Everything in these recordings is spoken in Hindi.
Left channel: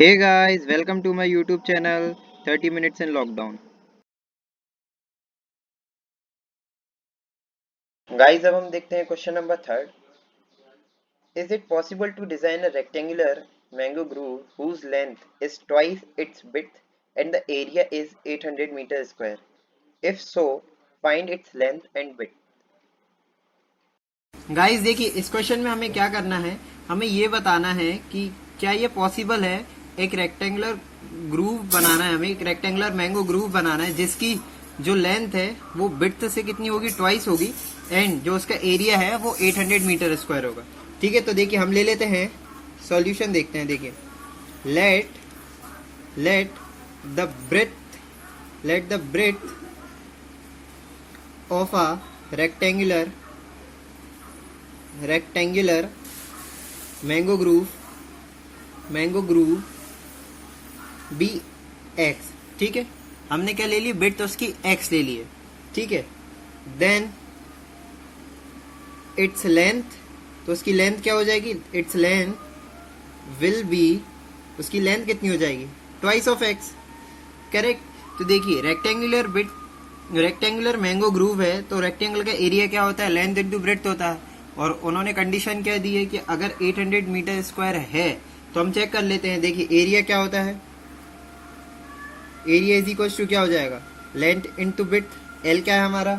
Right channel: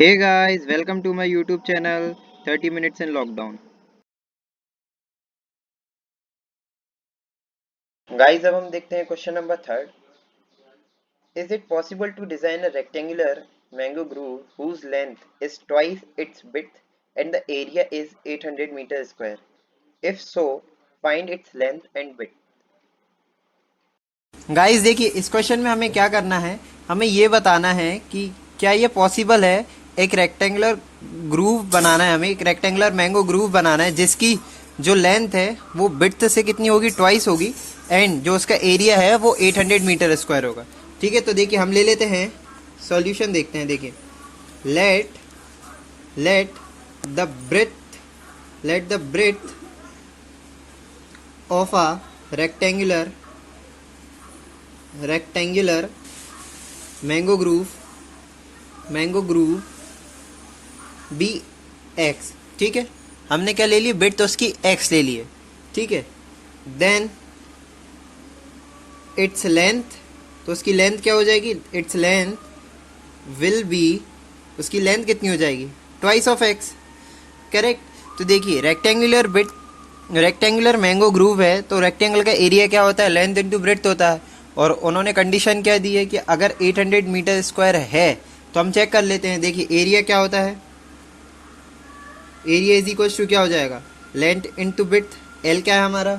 Hey guys, welcome to my YouTube channel 30 Minutes in Lockdown. Guys अब हम देखते हैं question number third. Is it possible to design a rectangular mango grove whose length is twice its width and the area is 800 meter square? If so, find its length and width. Guys देखिए, इस क्वेश्चन में हमें क्या करना है, हमें ये बताना है कि क्या ये पॉसिबल है एक रेक्टेंगुलर ग्रूव बनाना है, हमें एक रेक्टेंगुलर मैंगो ग्रूव बनाना है जिसकी जो लेंथ है वो विड्थ से कितनी होगी, ट्वाइस होगी, एंड जो उसका एरिया है वो 800 मीटर स्क्वायर होगा. ठीक है, तो देखिए हम ले लेते हैं सॉल्यूशन, देखते हैं. देखिए, let let the breadth of a rectangular mango grove be x. ठीक है, हमने क्या ले ली, बिट तो उसकी एक्स ले ली है. ठीक है, देन इट्स लेंथ, तो उसकी लेंथ क्या हो जाएगी, इट्स लेंथ विल बी, उसकी लेंथ कितनी हो जाएगी, ट्वाइस ऑफ एक्स. करेक्ट. तो देखिए, रेक्टेंगुलर मैंगो ग्रूव है तो रेक्टेंगल का एरिया क्या होता है, लेंथ इंटू ब्रेड्थ होता है. और उन्होंने कंडीशन क्या दी है कि अगर 800 मीटर स्क्वायर है तो हम चेक कर लेते हैं. देखिए, एरिया क्या होता है, एरिया इज इक्वल टू क्या हो जाएगा, लेंथ इंटू ब्रेड्थ. एल क्या है हमारा,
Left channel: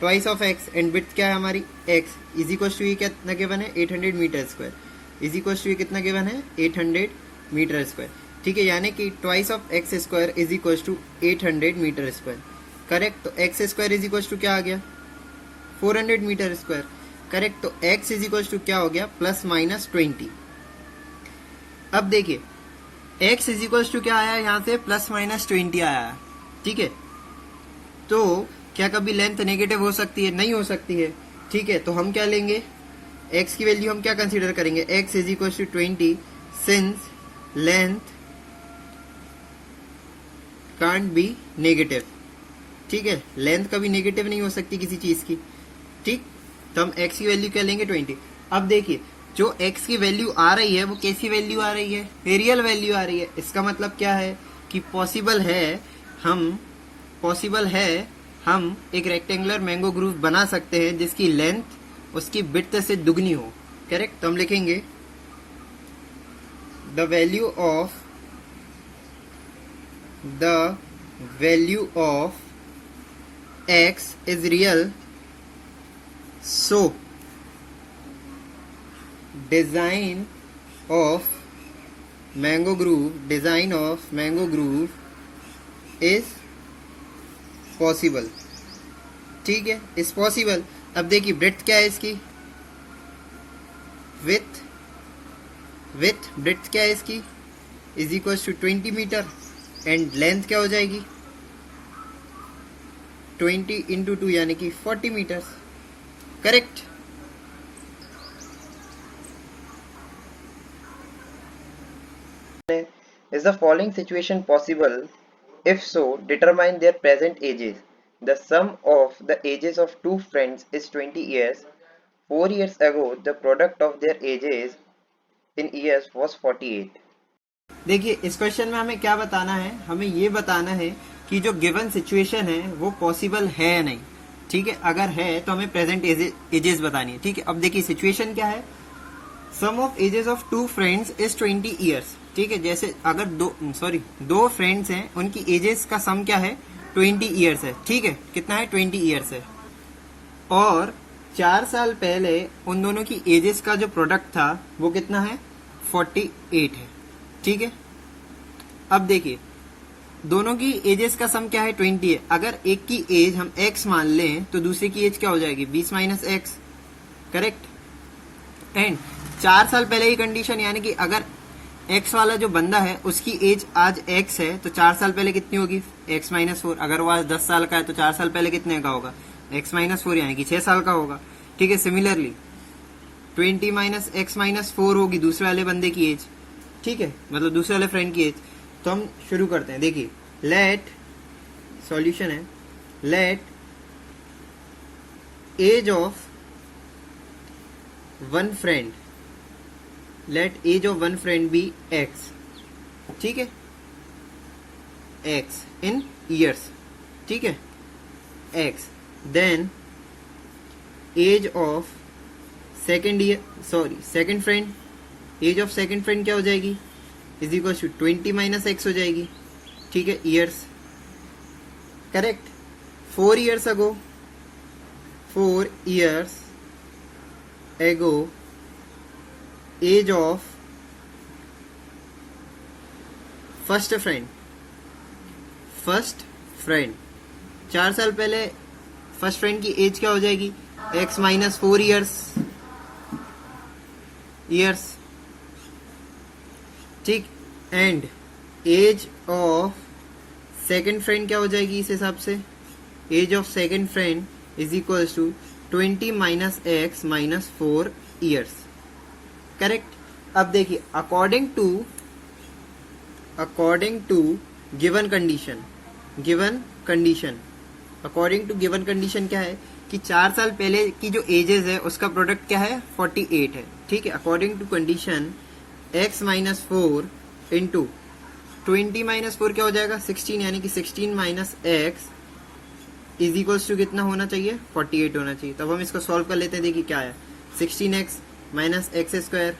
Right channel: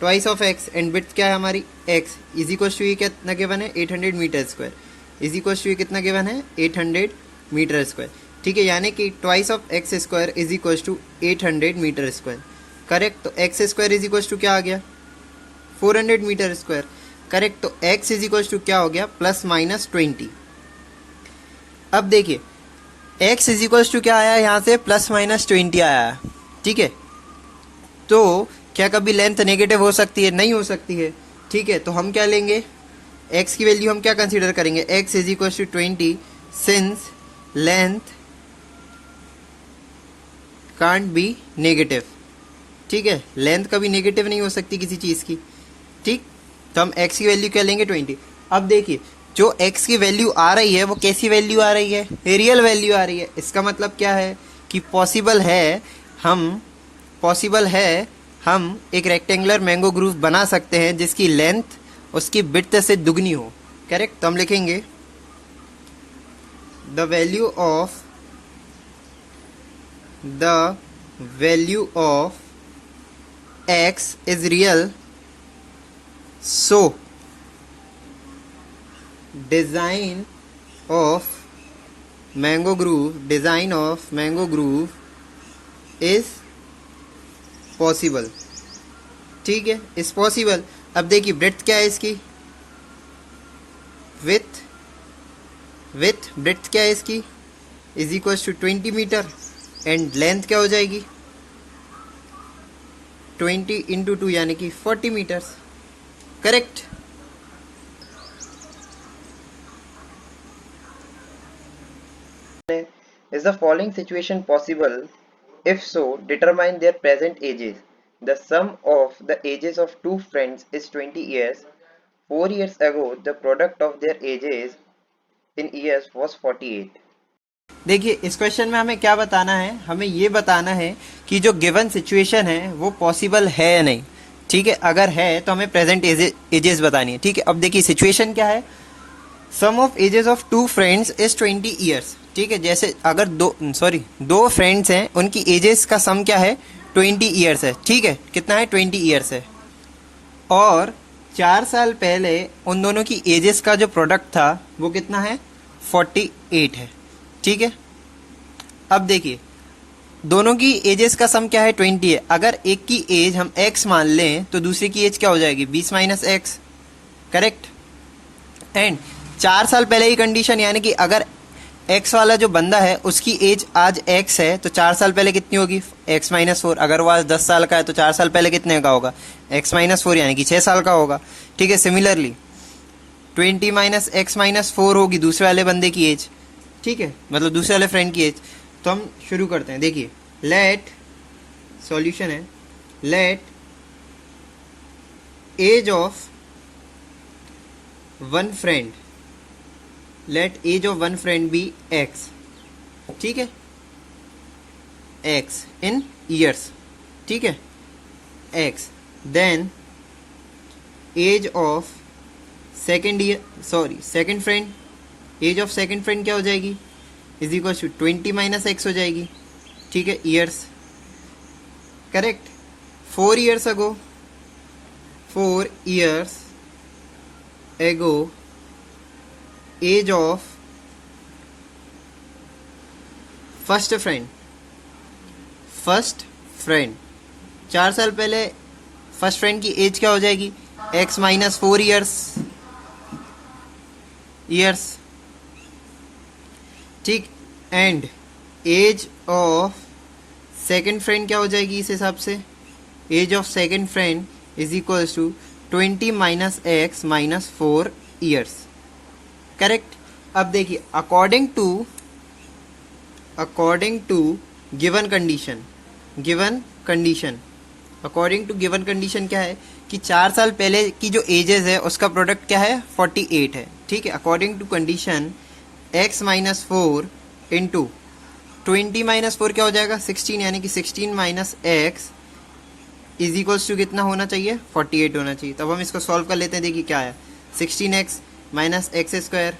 twice of x, and breadth क्या है हमारी, एक्स. इज इक्वल टू ये कितना गिवन है, 800 metre square. Is equal to ये कितना गिवन है, 800 मीटर स्क्वायर. ठीक है, यानी कि twice of x square is equal to 800 metre square. Correct. तो x square is equal to क्या आ गया, 400 मीटर स्क्वायर. करेक्ट. तो x इज इक्वल टू क्या हो गया, +-20. अब देखिए, x इज इक्वल टू क्या आया, यहाँ से +-20 आया है. ठीक है, तो क्या कभी लेंथ नेगेटिव हो सकती है, नहीं हो सकती है. ठीक है, तो हम क्या लेंगे, x की वैल्यू हम क्या कंसीडर करेंगे, x is equal to 20 since length can't be negative. ठीक है, लेंथ कभी नेगेटिव नहीं हो सकती किसी चीज़ की. ठीक, तो हम x की वैल्यू क्या लेंगे, 20. अब देखिए, जो x की वैल्यू आ रही है वो कैसी वैल्यू आ रही है, रियल वैल्यू आ रही है. इसका मतलब क्या है कि पॉसिबल है हम एक रेक्टेंगुलर मैंगो ग्रूव बना सकते हैं जिसकी लेंथ उसकी विड्थ से दुगनी हो. करेक्ट. तो हम लिखेंगे the value of x is real, so design of mango groove is possible. ठीक है, इज पॉसिबल. अब देखिए, ब्रेड्थ क्या है इसकी, विथ ब्रेड्थ क्या है इसकी, is equal to 20 metre, and length क्या हो जाएगी, 20 इंटू 2 यानी कि 40 metres. Correct. Is the following situation possible? If so, determine their present ages. The sum of the ages of two friends is 20 years. 4 years ago, the product of their ages in years was 48. देखिए, इस क्वेश्चन में हमें क्या बताना है, हमें ये बताना है कि जो गिवन सिचुएशन है वो पॉसिबल है या नहीं. ठीक है, अगर है तो हमें प्रेजेंट एजेस बतानी है. ठीक है, अब देखिए सिचुएशन क्या है, sum of ages of two friends is 20 years. ठीक है, जैसे अगर दो फ्रेंड्स हैं, उनकी एजेस का सम क्या है, 20 ईयर्स है. ठीक है, कितना है, 20 ईयर्स है. और 4 साल पहले उन दोनों की एजेस का जो प्रोडक्ट था वो कितना है, 48 है. ठीक है, अब देखिए, दोनों की एजेस का सम क्या है, 20 है. अगर एक की एज हम x मान लें तो दूसरे की एज क्या हो जाएगी, 20 माइनस एक्स. करेक्ट. एंड 4 साल पहले की कंडीशन, यानी कि अगर x वाला जो बंदा है उसकी एज आज x है तो 4 साल पहले कितनी होगी, x माइनस 4. अगर वो आज 10 साल का है तो 4 साल पहले कितने का होगा, x माइनस 4 यानी कि 6 साल का होगा. ठीक है, सिमिलरली 20 माइनस x माइनस 4 होगी दूसरे वाले बंदे की एज. ठीक है, मतलब दूसरे वाले फ्रेंड की एज. तो हम शुरू करते हैं. देखिए, लेट सॉल्यूशन है, let age of one friend, let age of one friend be x. ठीक है, एक्स इन ईयर्स, ठीक है, x, then age of second year, sorry second friend, age of second friend क्या हो जाएगी, is equal to 20 minus x हो जाएगी, ठीक है, years, correct. 4 years ago, 4 years ago, age of first friend, first friend, 4 साल पहले फर्स्ट फ्रेंड की एज क्या हो जाएगी, x माइनस 4 ईयर्स, ठीक, and age of second friend क्या हो जाएगी इस हिसाब से, age of second friend is equal to 20 minus x minus 4 years, correct. अब देखिए according to given condition, according to given condition क्या है कि 4 साल पहले की जो एजेस है उसका प्रोडक्ट क्या है, 48 है, ठीक है। According to condition x minus 4 into 20 minus 4 क्या हो जाएगा, 16, यानी कि 16 minus x is equals to कितना होना चाहिए, 48 होना चाहिए। तब हम इसको सॉल्व कर लेते हैं, देखिए क्या है, 16x माइनस एक्स स्क्वायर,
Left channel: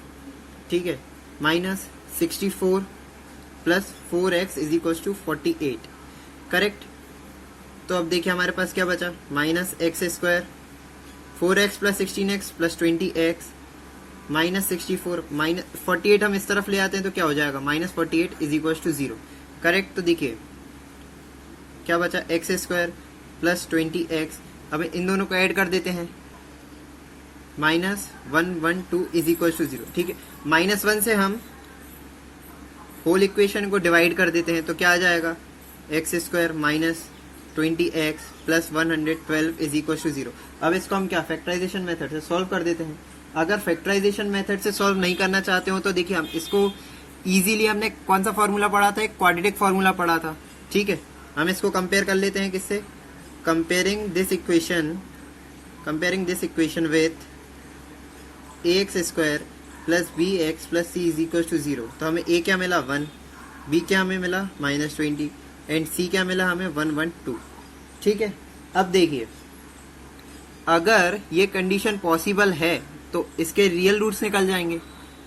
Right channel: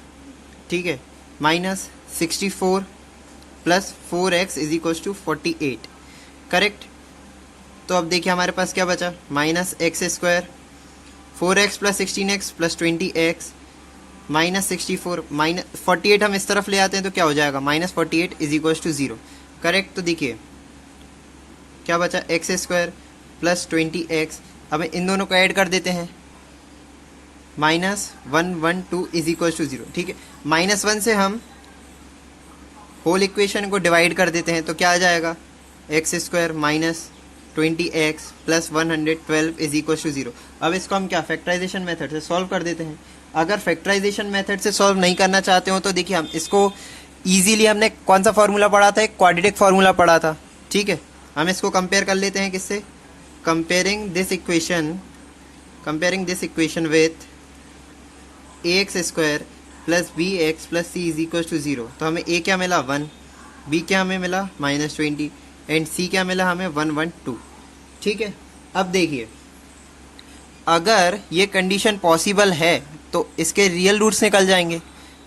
ठीक है, minus 64 plus 4x is equals to 48, correct. तो अब देखिए हमारे पास क्या बचा, minus x square, 4x plus 16x plus 20x minus 64 minus 48 हम इस तरफ ले आते हैं तो क्या हो जाएगा, minus 48 is equals to 0, correct. तो देखिए क्या बचा, एक्स स्क्वायर प्लस 20x, अब इन दोनों को ऐड कर देते हैं, माइनस 112 इज इक्वल्स टू 0, ठीक है। -1 से हम होल इक्वेशन को डिवाइड कर देते हैं तो क्या आ जाएगा, x square minus 20x plus 112 is equal to 0। अब इसको हम क्या फैक्टराइजेशन मेथड से सॉल्व कर देते हैं। अगर फैक्टराइजेशन मेथड से सॉल्व नहीं करना चाहते हो तो देखिए हम इसको इजीली, हमने कौन सा फार्मूला पढ़ा था, एक क्वाड्रेटिक फार्मूला पढ़ा था, ठीक है। हम इसको कंपेयर कर लेते हैं किससे, comparing this equation with ax square plus bx plus c is equal to 0। तो हमें a क्या मिला 1, b क्या हमें मिला -20 एंड c क्या मिला हमें 112, ठीक है। अब देखिए अगर ये कंडीशन पॉसिबल है तो इसके रियल रूट्स निकल जाएंगे,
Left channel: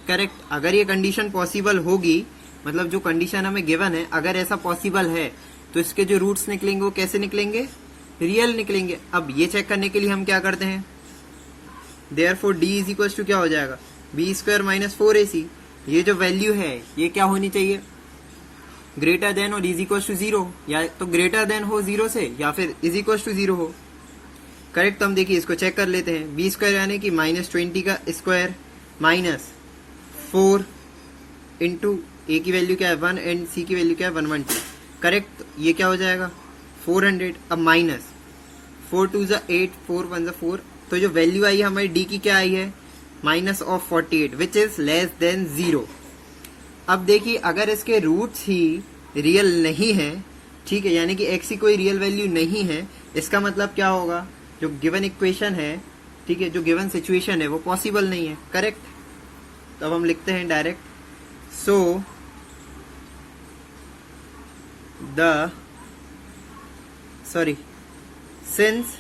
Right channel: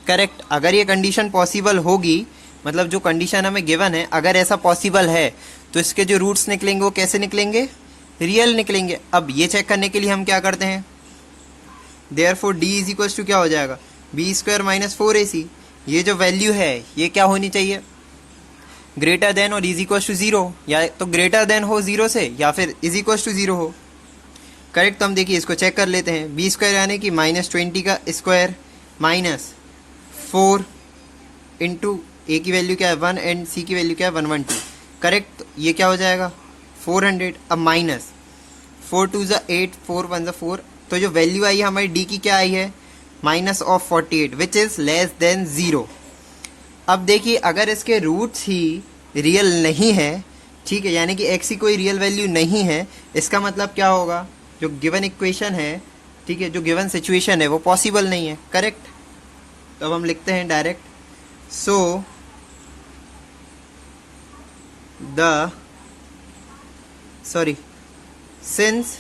करेक्ट। अगर ये कंडीशन पॉसिबल होगी, मतलब जो कंडीशन हमें गिवन है अगर ऐसा पॉसिबल है तो इसके जो रूट्स निकलेंगे वो कैसे निकलेंगे, रियल निकलेंगे। अब ये चेक करने के लिए हम क्या करते हैं, therefore d is equal to क्या हो जाएगा, b स्क्वायर माइनस 4ac, ये जो वैल्यू है ये क्या होनी चाहिए, ग्रेटर देन और इज इक्वल टू 0, या तो ग्रेटर देन हो 0 से या फिर इज इक्वल टू 0 हो, करेक्ट। तो हम देखिए इसको चेक कर लेते हैं, b स्क्वायर यानी कि -20 का स्क्वायर माइनस 4 इंटू a की वैल्यू क्या है 1 एंड c की वैल्यू क्या है 112, करेक्ट। ये क्या हो जाएगा 400, अब माइनस 4 2 ज़ा 8 4 1 ज़ा 4, तो जो वैल्यू आई है हमारी d की क्या आई है, minus of 48 which is less than 0। अब देखिए अगर इसके रूट्स ही रियल नहीं है, ठीक है, यानी कि x की कोई रियल वैल्यू नहीं है, इसका मतलब क्या होगा, जो गिवन इक्वेशन है, ठीक है, जो गिवन सिचुएशन है वो पॉसिबल नहीं है, करेक्ट। तो अब हम लिखते हैं direct, so since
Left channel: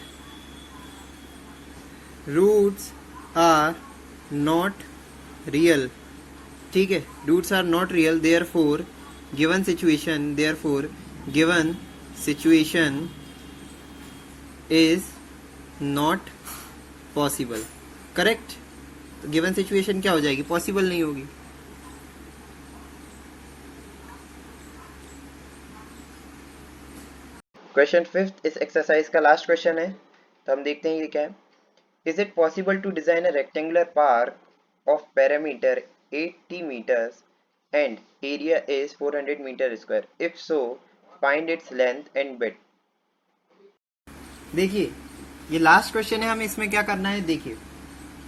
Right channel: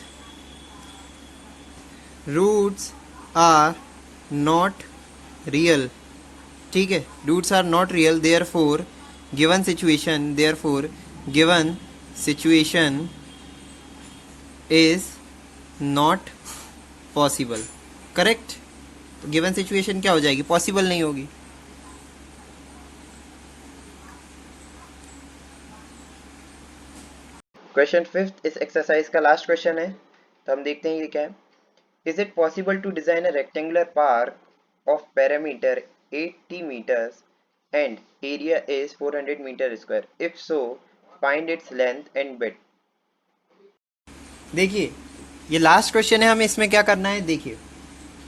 roots are not real, ठीक है, roots are not real, therefore given situation is not possible, correct. तो गिवन सिचुएशन क्या हो जाएगी, पॉसिबल नहीं होगी। क्वेश्चन 5 इस एक्सरसाइज का लास्ट क्वेश्चन है, तो हम देखते हैं ये क्या है। Is it possible to design a rectangular park of parameter 80 meters and area is 400 meter square? If so, find its length and width. देखिए ये लास्ट क्वेश्चन है, हमें इसमें क्या करना है, देखिए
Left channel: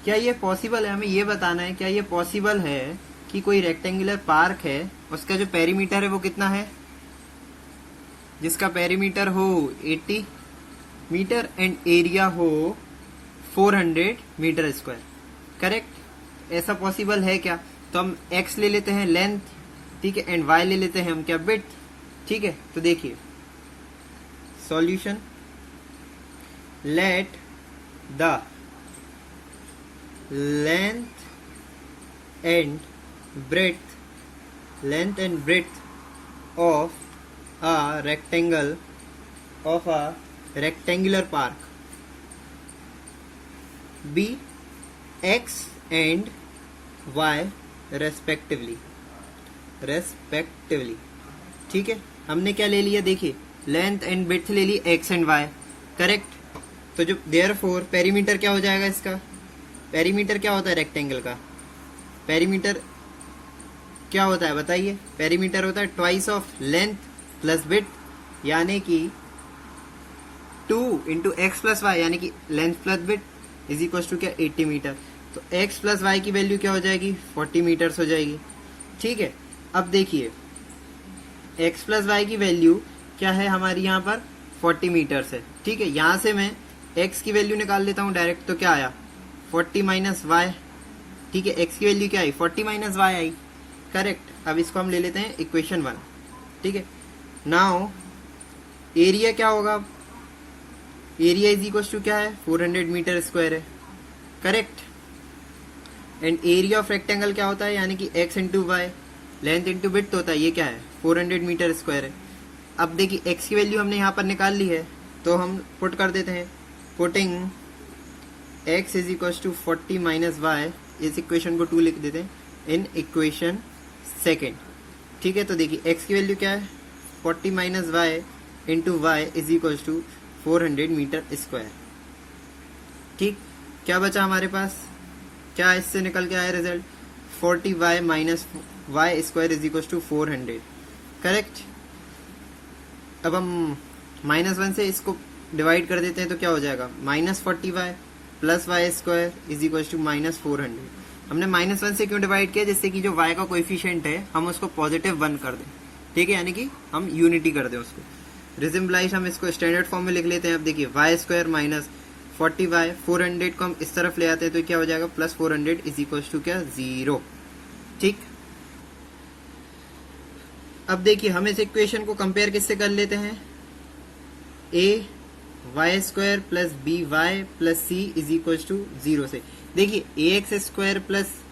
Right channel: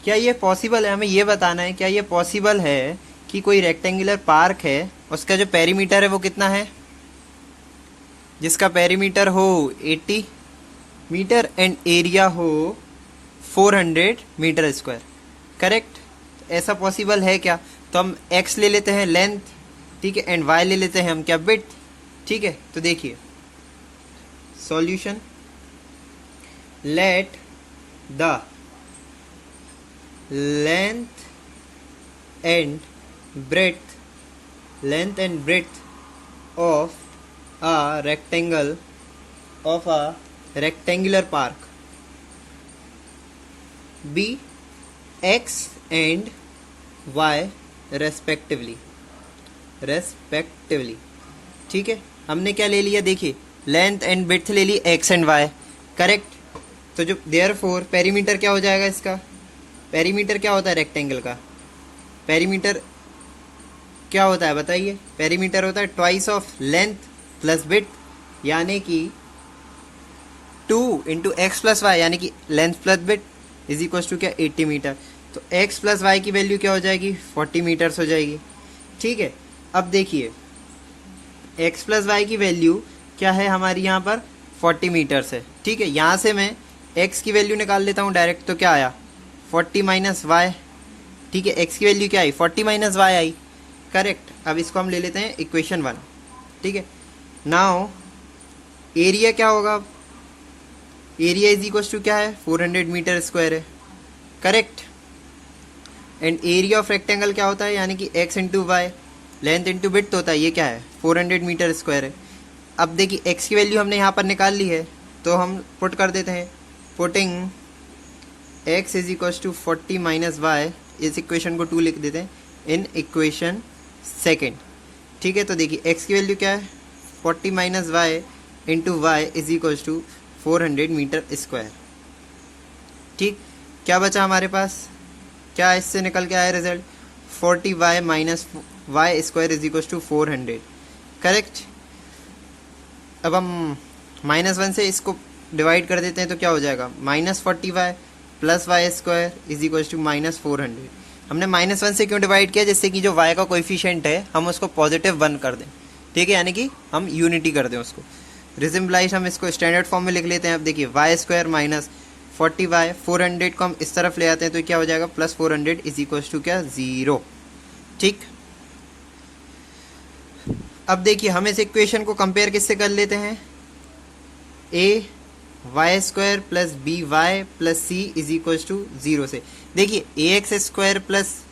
क्या ये पॉसिबल है, हमें ये बताना है क्या ये पॉसिबल है कि कोई रेक्टेंगुलर पार्क है, उसका जो पेरीमीटर है वो कितना है, जिसका पेरीमीटर हो 80 मीटर एंड एरिया हो 400 मीटर स्क्वायर, करेक्ट। ऐसा पॉसिबल है क्या, तो हम x ले लेते हैं लेंथ ठीक है, एंड वाई ले लेते हैं हम क्या, विड्थ। ठीक है, तो देखिए solution, let the length and breadth of a rectangular park be x and y respectively। ठीक है, हमने क्या ले लिया, देखिए लेंथ एंड ब्रेड्थ ले ली x एंड y, करेक्ट। तो जो देयरफॉर पेरीमीटर क्या हो जाएगा इसका, पेरीमीटर क्या होता है रेक्टेंगल का, पेरीमीटर क्या होता है बताइए, पेरीमीटर होता है twice of length plus width, यानी कि 2 इंटू एक्स प्लस वाई, यानी कि length plus width is equal to क्या, 80 मीटर। तो x प्लस वाई की वैल्यू क्या हो जाएगी, 40 मीटर्स हो जाएगी। ठीक है, अब देखिए x प्लस वाई की वैल्यू क्या है हमारी यहाँ पर, 40 मीटर्स है। ठीक है, यहाँ से मैं x की वैल्यू निकाल लेता हूँ डायरेक्ट, तो क्या आया 40 माइनस वाई। ठीक है, x की वैल्यू क्या आई, 40 माइनस वाई आई, करेक्ट। अब इसको हम ले लेते हैं इक्वेशन 1। ठीक है, नाउ एरिया क्या होगा, एरिया इज इक्वल टू क्या है, 400 मीटर स्क्वायर है, correct. And area of rectangle क्या होता है, यानी कि x into y, length into width होता है, ये क्या है 400 मीटर स्क्वायर है। अब देखिए x की वैल्यू हमने यहाँ पर निकाल ली है, तो हम पुट कर देते हैं, putting x is equal to 40 minus y, इस इक्वेशन को 2 लिख देते हैं इन इक्वेशन सेकेंड। ठीक है, तो देखिए x की वैल्यू क्या है, 40 minus y into y is equal to 400 metre square. ठीक, क्या बचा हमारे पास, क्या इससे निकल के आया result, 40 y minus y square is equal to 400, correct. अब हम -1 से इसको डिवाइड कर देते हैं, तो क्या हो जाएगा, -40 y plus y square is equal to -400। हमने -1 से क्यों डिवाइड किया, जिससे कि जो y का कोएफिशिएंट है हम उसको पॉजिटिव 1 कर दें। ठीक है, यानी कि हम यूनिटी कर दें उसको, रिजम्बलाइज हम इसको स्टैंडर्ड फॉर्म में लिख लेते हैं। अब देखिए वाई स्क्वायर माइनस 40 वाई, 400 को हम इस तरफ ले आते हैं, तो क्या हो जाएगा प्लस 400 इज इक्वल टू क्या, 0। ठीक, अब देखिए हम इस इक्वेशन को कंपेयर किससे कर लेते हैं, a y square plus b y plus c is equal to 0 से। देखिए a x square plus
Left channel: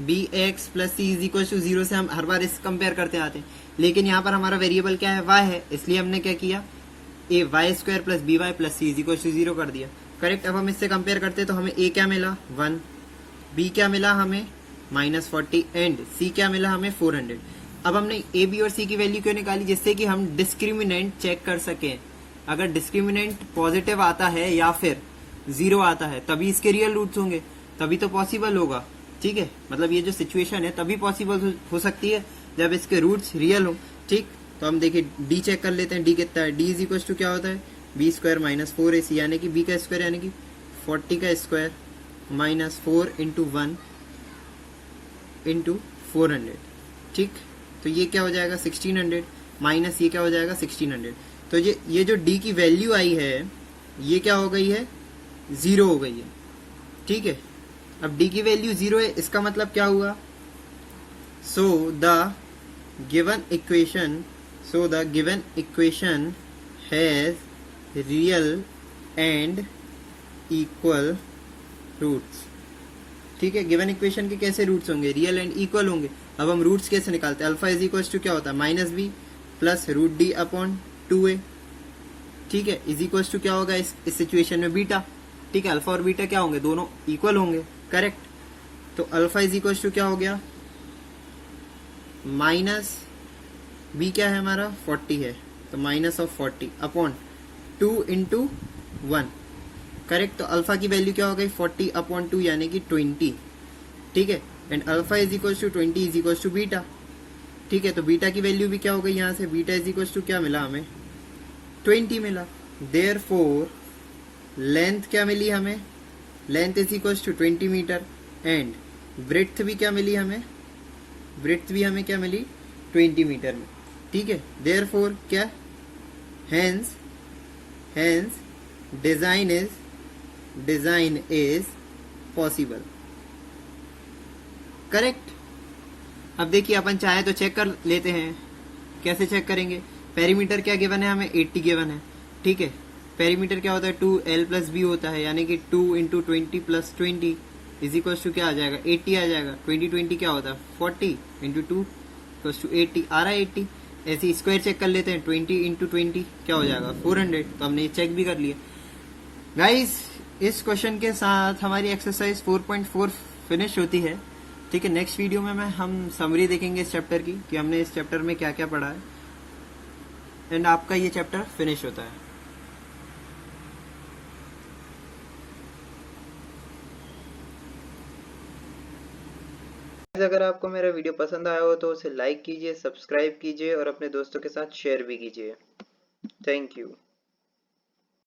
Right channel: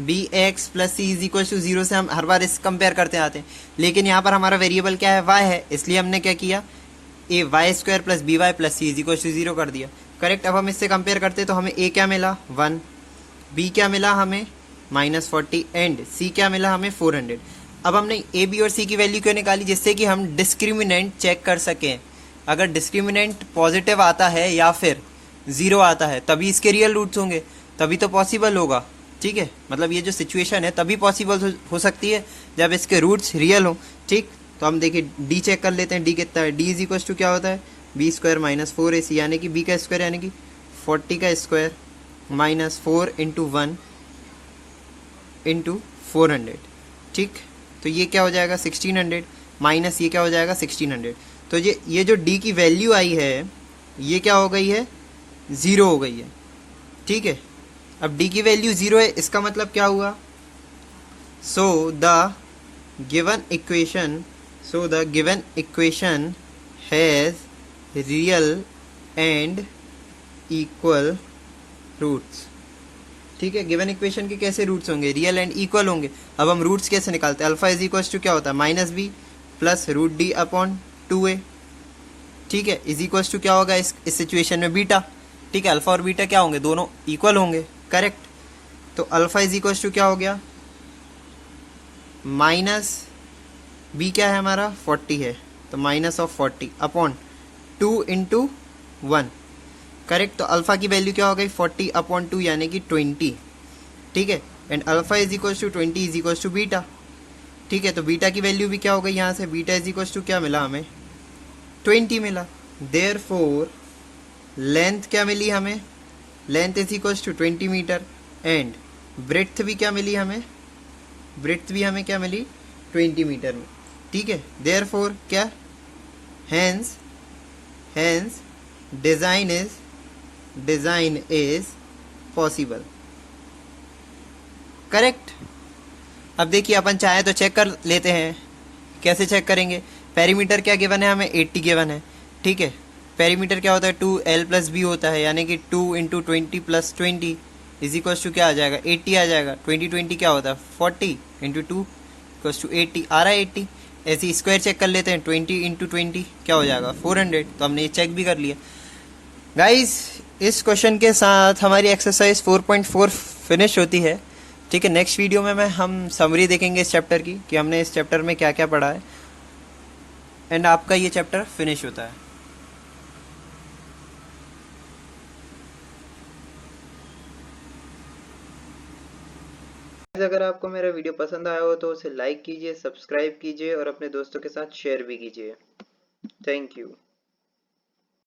b x plus c is equal to 0 से हम हर बार इस कंपेयर करते आते हैं, लेकिन यहाँ पर हमारा वेरिएबल क्या है, y है, इसलिए हमने क्या किया, a y square plus b y plus c is equal to 0 कर दिया, करेक्ट। अब हम इससे कंपेयर करते हैं, तो हमें ए क्या मिला 1, बी क्या मिला हमें -40 एंड सी क्या मिला हमें 400। अब हमने ए बी और सी की वैल्यू क्यों निकाली, जिससे कि हम डिस्क्रिमिनेंट चेक कर सकें। अगर डिस्क्रिमिनेंट पॉजिटिव आता है या फिर 0 आता है, तभी इसके रियल रूट्स होंगे, तभी तो पॉसिबल होगा। ठीक है, मतलब ये जो सिचुएशन है तभी पॉसिबल हो सकती है जब इसके रूट्स रियल हो। ठीक, तो हम देखिए डी चेक कर लेते हैं, डी कितना है, डी इज इक्वल टू क्या होता है, बी स्क्वायर माइनस 4ac, यानी कि बी का स्क्वायर यानी कि 40 का स्क्वायर माइनस 4 इंटू 1 इंटू 400। ठीक, तो ये क्या हो जाएगा 1600 माइनस ये क्या हो जाएगा 1600। तो ये जो डी की वैल्यू आई है ये क्या हो गई है, 0 हो गई है। ठीक है, अब डी की वैल्यू 0 है, इसका मतलब क्या हुआ, so the given equation has real and equal roots. ठीक है, गिवन इक्वेशन के कैसे रूट्स होंगे, रियल एंड इक्वल होंगे। अब हम रूट्स कैसे निकालते हैं, अल्फा इज इक्वल टू क्या होता है -b plus root D upon 2a। ठीक है, इज इक्वल टू क्या होगा इस सिचुएशन में बीटा। ठीक है, अल्फा और बीटा क्या होंगे, दोनों इक्वल होंगे, करेक्ट। तो अल्फा इज इक्वल टू क्या हो गया, माइनस बी क्या है हमारा 40 है, तो minus of 40 upon 2 into 1, correct. तो अल्फा की वैल्यू क्या हो गई 40 अपॉन 2 यानी कि 20। ठीक है, and alpha is equal to 20 is equal to beta. ठीक है, तो बीटा की वैल्यू भी क्या हो गई, यहाँ से बीटा इज इक्वल टू क्या मिला हमें 20 मिला। देयरफॉर लेंथ क्या मिली हमें, length is equal to 20 metre and breadth भी क्या मिली हमें, ब्रेड्थ भी हमें क्या मिली 20 मीटर में। ठीक है, देयरफॉर क्या, hence design is possible, correct. अब देखिए अपन चाहे तो चेक कर लेते हैं। कैसे चेक करेंगे? पेरीमीटर क्या गिवन है हमें? 80 गिवन है, ठीक है। पेरीमीटर क्या होता है? 2l+b होता है, यानी कि 2 × 20 + 20 इज इक्वल्स टू क्या आ जाएगा? 80 आ जाएगा। 20 क्या होता है? 40 × 2 इक्वल्स टू 80 आ रहा है 80। ऐसे स्क्वायर चेक कर लेते हैं। 20 × 20 क्या हो जाएगा? 400। तो हमने ये चेक भी कर लिया। गाइस, इस क्वेश्चन के साथ हमारी एक्सरसाइज 4.4 फिनिश होती है, ठीक है। नेक्स्ट वीडियो में हम समरी देखेंगे इस चैप्टर की कि हमने इस चैप्टर में क्या क्या पढ़ा है, एंड आपका ये चैप्टर फिनिश होता है। अगर आपको मेरा वीडियो पसंद आया हो तो उसे लाइक कीजिए, सब्सक्राइब कीजिए और अपने दोस्तों के साथ शेयर भी कीजिए। Thank you.